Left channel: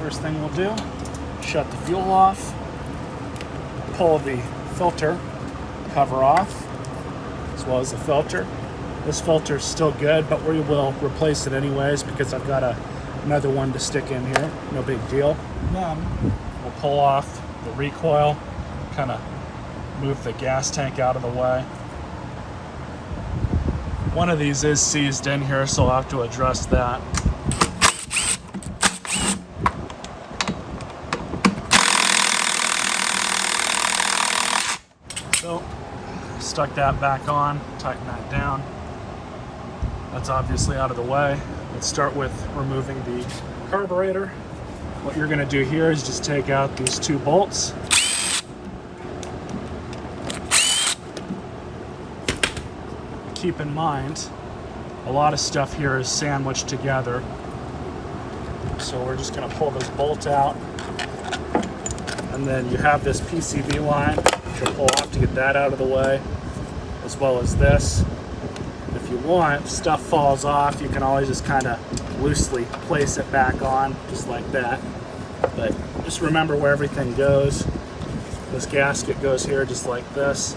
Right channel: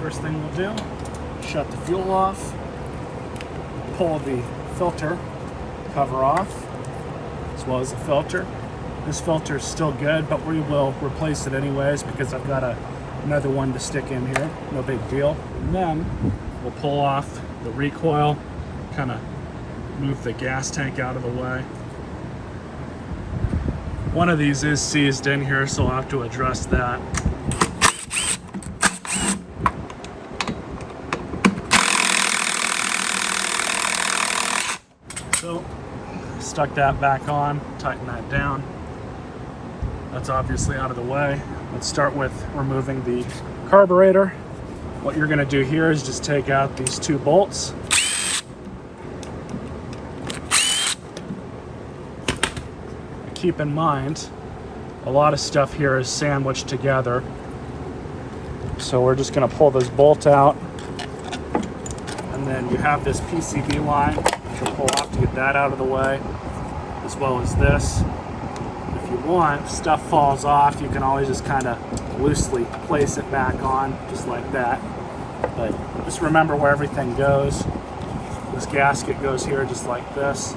First thing we'll do, shut the fuel off, pull the filter cover off, as well as the filter. This filter is still good, but we will replace it anyways because I've got another one to stick in here. No big deal. And then we'll pull off the recoil, kind of move the gas tank out of the way. One of these is seized in here, so I'll have to address that. So, stuck that back on, tighten that down. That's obviously out of the way. Let's start with removing the carburetor. What you're gonna do here is just take out these two bolts. Keep in mind, a lot of stuff here is sandwiched together. So we're just gonna pull this bolt out, and then you have this PCB line to pull off to get that out of the way, as well as this. If you want, if stuff falls off, you can always just kind of loosely place it back on, just like that. But just remember where everything goes. This gasket goes here just like this.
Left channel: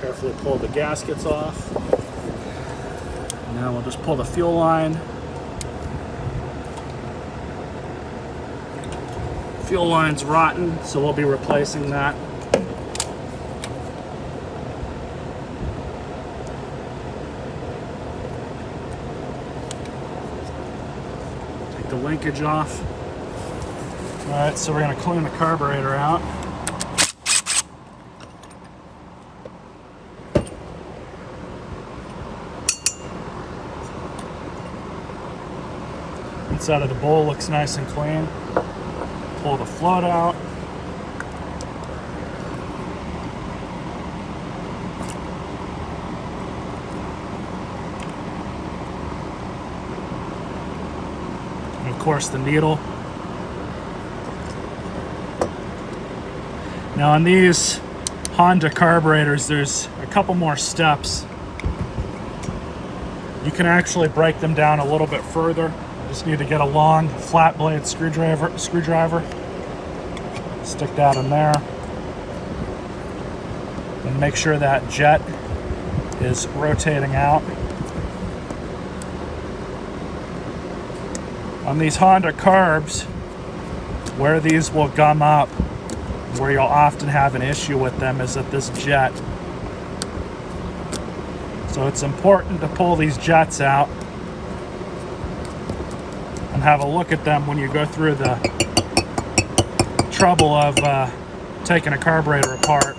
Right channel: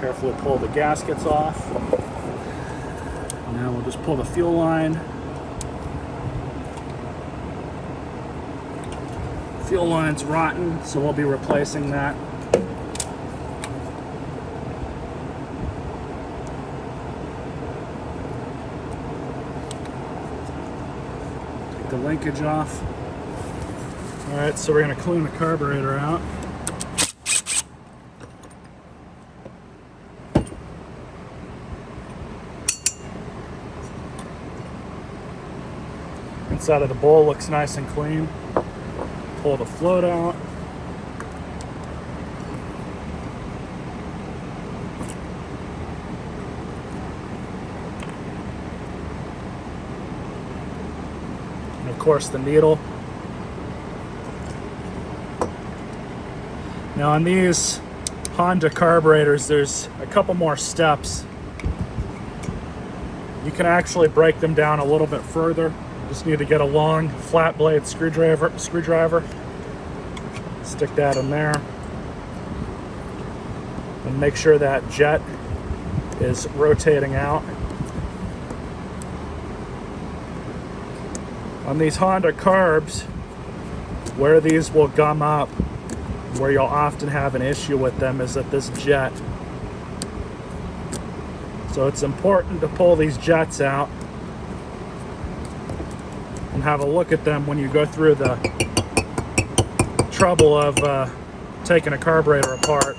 Carefully pull the gaskets off. Now we'll just pull the fuel line. Fuel line's rotten, so we'll be replacing that. Take the linkage off. All right, so we're gonna clean the carburetor out. Inside of the bowl looks nice and clean. Pull the float out. And of course the needle. Now on these Honda carburetors, there's a couple more steps. You can actually break them down a little bit further. Just need to get a long flat blade screwdriver, stick that in there, and make sure that jet is rotating out. On these Honda carbs, where these will gum up, where you'll often have an issue with them, is at this jet. So it's important to pull these jets out and have a look at them when you go through the trouble of taking a carburetor apart.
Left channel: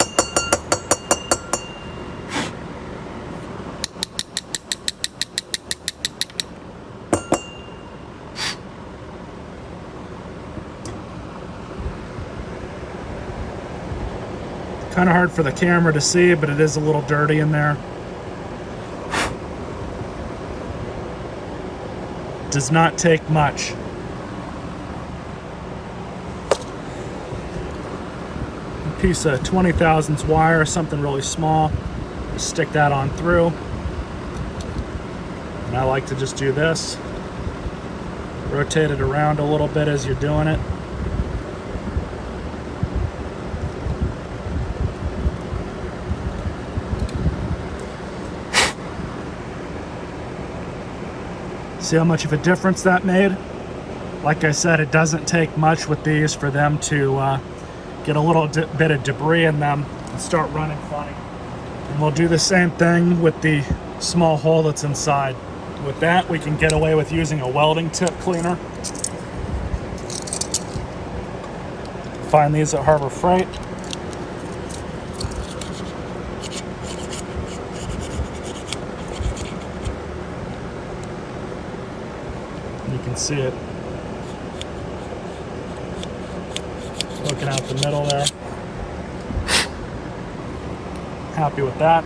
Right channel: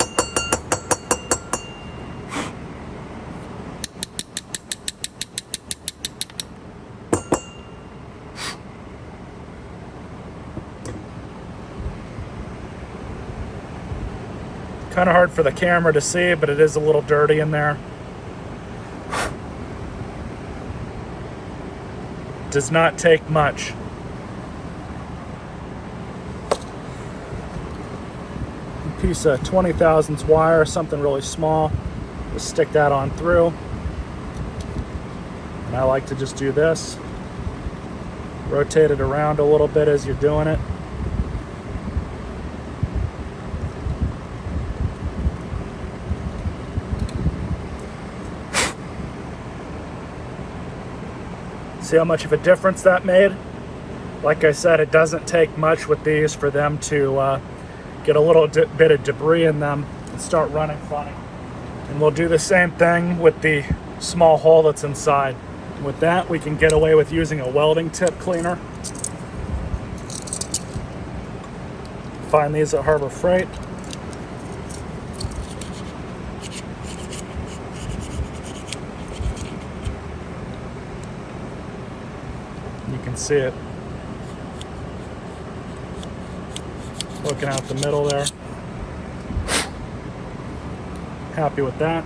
Kind of hard for the camera to see, but it is a little dirty in there. Does not take much. A piece of 20 thousandths wire, something really small. Just stick that on through. And I like to just do this. Rotate it around a little bit as you're doing it. See how much of a difference that made? Like I said, it doesn't take much with these for them to get a little bit of debris in them and start running funny. And we'll do the same thing with the small hole that's inside. With that, we can get away with using a welding tip cleaner. Find these at Harbor Freight. You can see it looking out the middle there. Happy with that.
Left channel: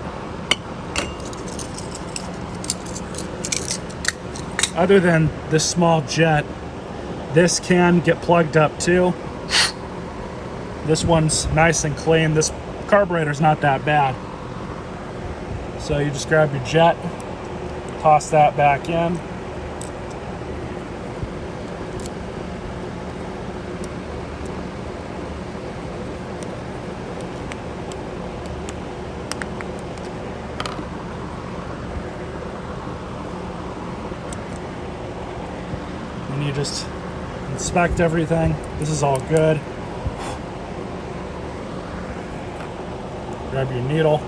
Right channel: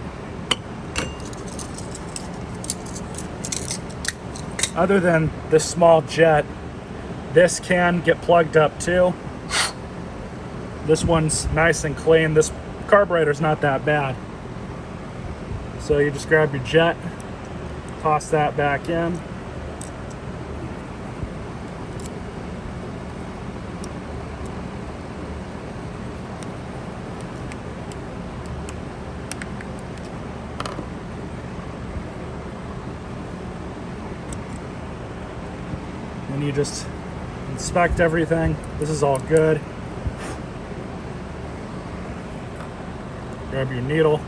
Other than this small jet, this can get plugged up too. This one's nice and clean. This carburetor's not that bad. So you just grab your jet, toss that back in. And you just inspect everything. This is all good. Grab your needle.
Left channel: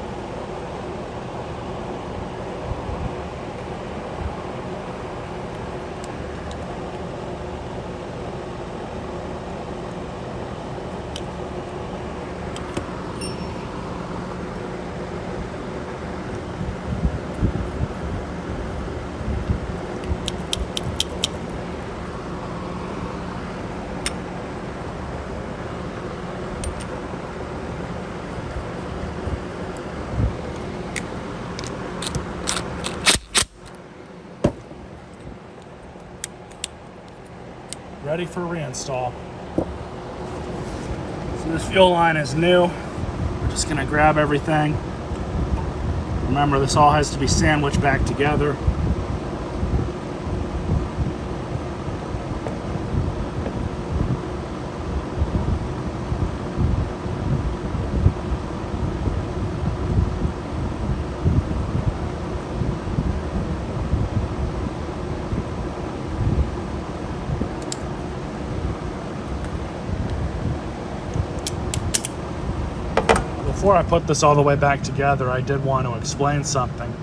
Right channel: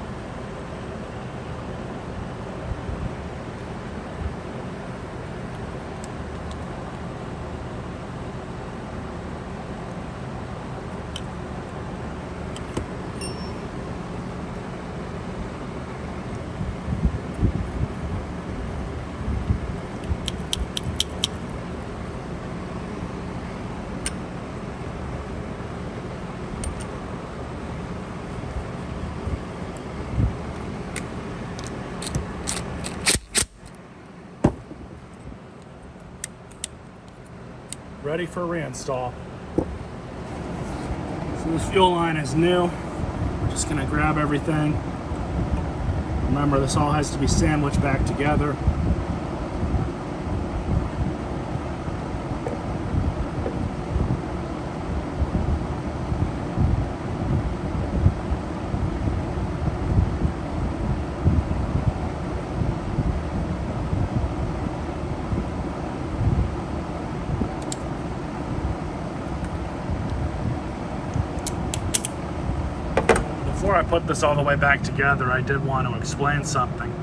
Ready for reinstall. So this fuel line is new. We're just gonna grab everything. Remember, this all has to be sandwiched back together. Before I put this all the way back together, I did want to explain something.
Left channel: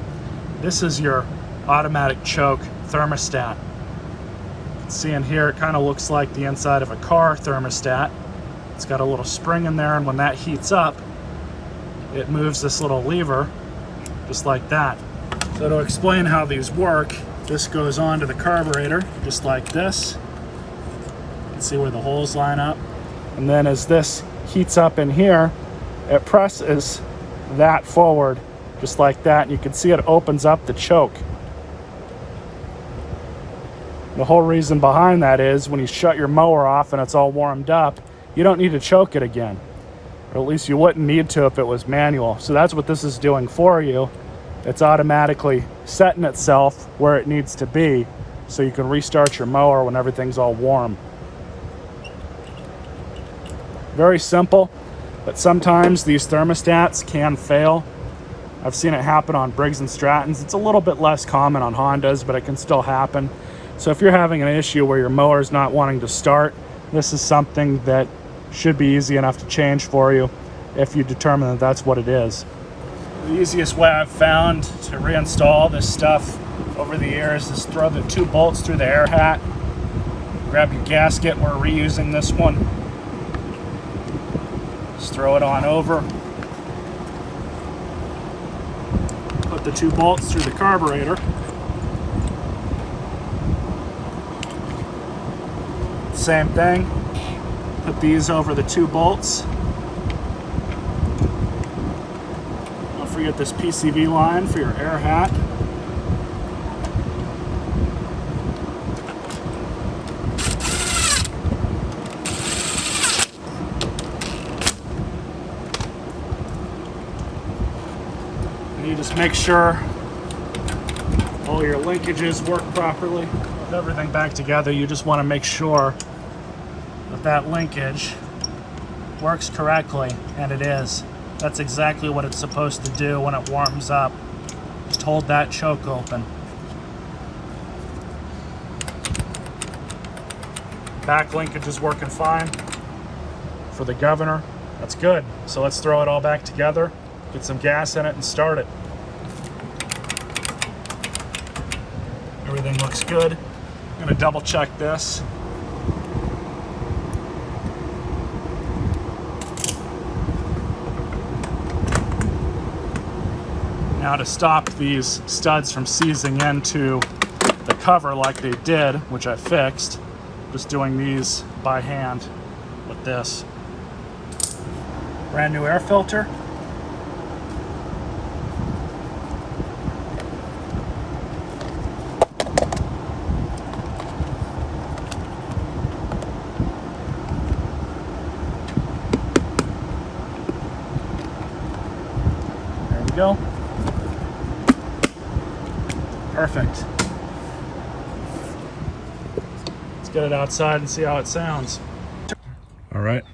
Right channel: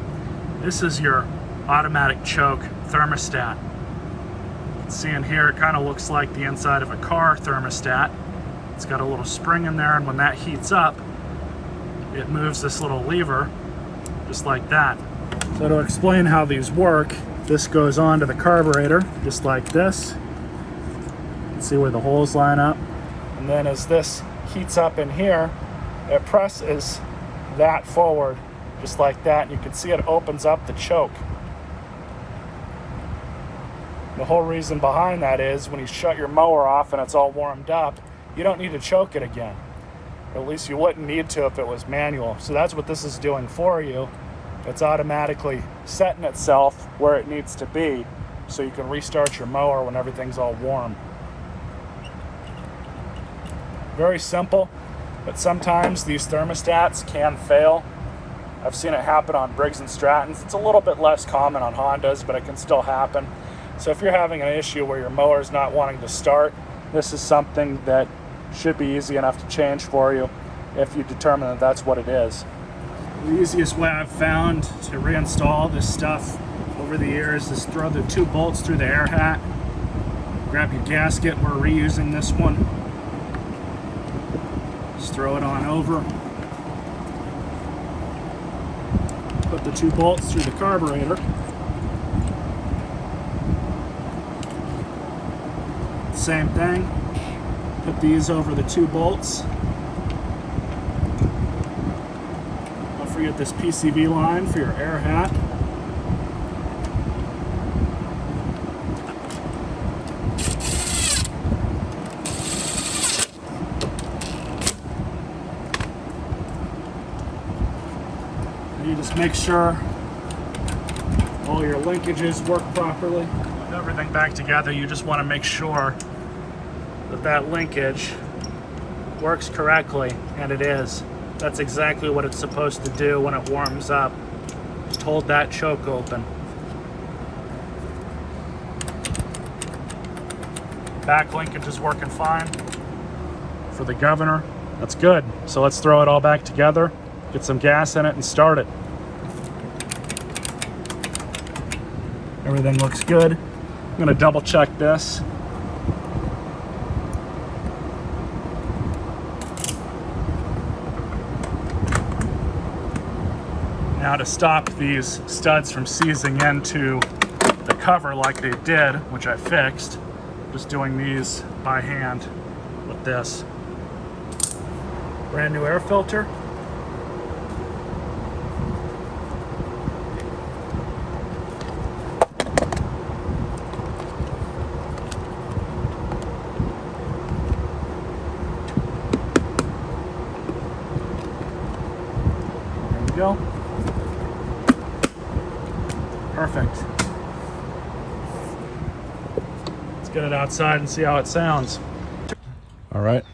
This is your automatic choke thermostat. You can see in here, it kind of looks like the inside of a car thermostat. It's got a little spring in there, and when that heats up, it moves this little lever, just like that. So to explain how these work, this goes onto the carburetor, just like this. You can see where the holes line up. And then as this heats up in here, it presses that forward just like that, and you can see it opens up the choke. The whole reason behind that is when you shut your mower off and it's all warmed up, you don't need to choke it again. Or at least you wouldn't need to if it was manual. So that's what this is doing for you. It's automatically setting itself where it needs to be so you can restart your mower when everything's all warm. Very simple. But sometimes these thermostats can fail. I've seen it happen on Briggs and Strattons. It's a little bit less common on Hondas, but it can still happen. So if you're having an issue where your mower is not wanting to start, this is something that should be easy enough to change for you if you determine that that's what it is. The easiest way I've found to reinstall this stuff over the years is throw the 2 bolts through the air hat, grab your gasket, we're reusing this one. Just throw it on over. Put the 2 bolts through the carburetor. Same thing. Put these over the 2 bolts. Don't forget this PCV line for your air hat. You just make sure all your linkages work properly. With everything back together, you just want to make sure that that linkage works correctly, and it is. That's exactly what it's supposed to do when it warms up. Just hold that choke open. Back linkage is working fine. For the governor, that's good. So let's throw it all back together, get some gas in it, and start it. Everything looks good. I'm going to double check this. Now to stop these studs from seizing into the cover like they did, which I fixed, just doing these by hand with this. Brand new air filter. There we go. Perfect. Let's get it outside and see how it sounds. All right,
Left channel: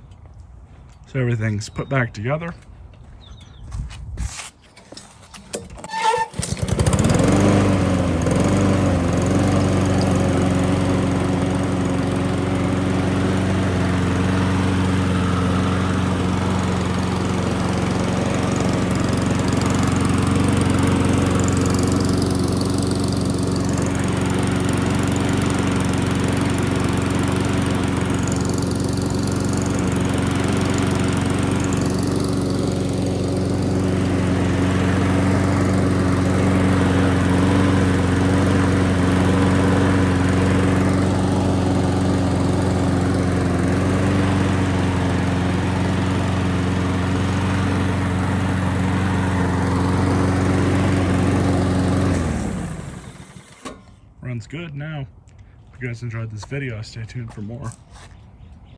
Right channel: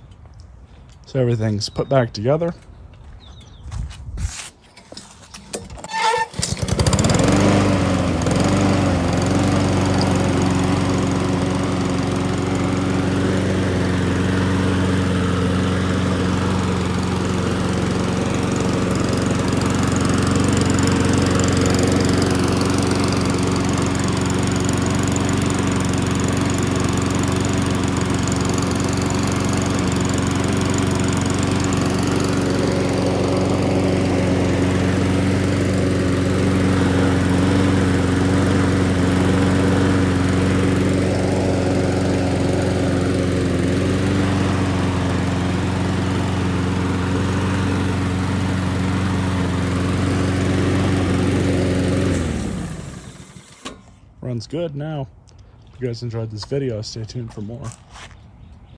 so everything's put back together. Runs good now. If you guys enjoyed this video, stay tuned for more.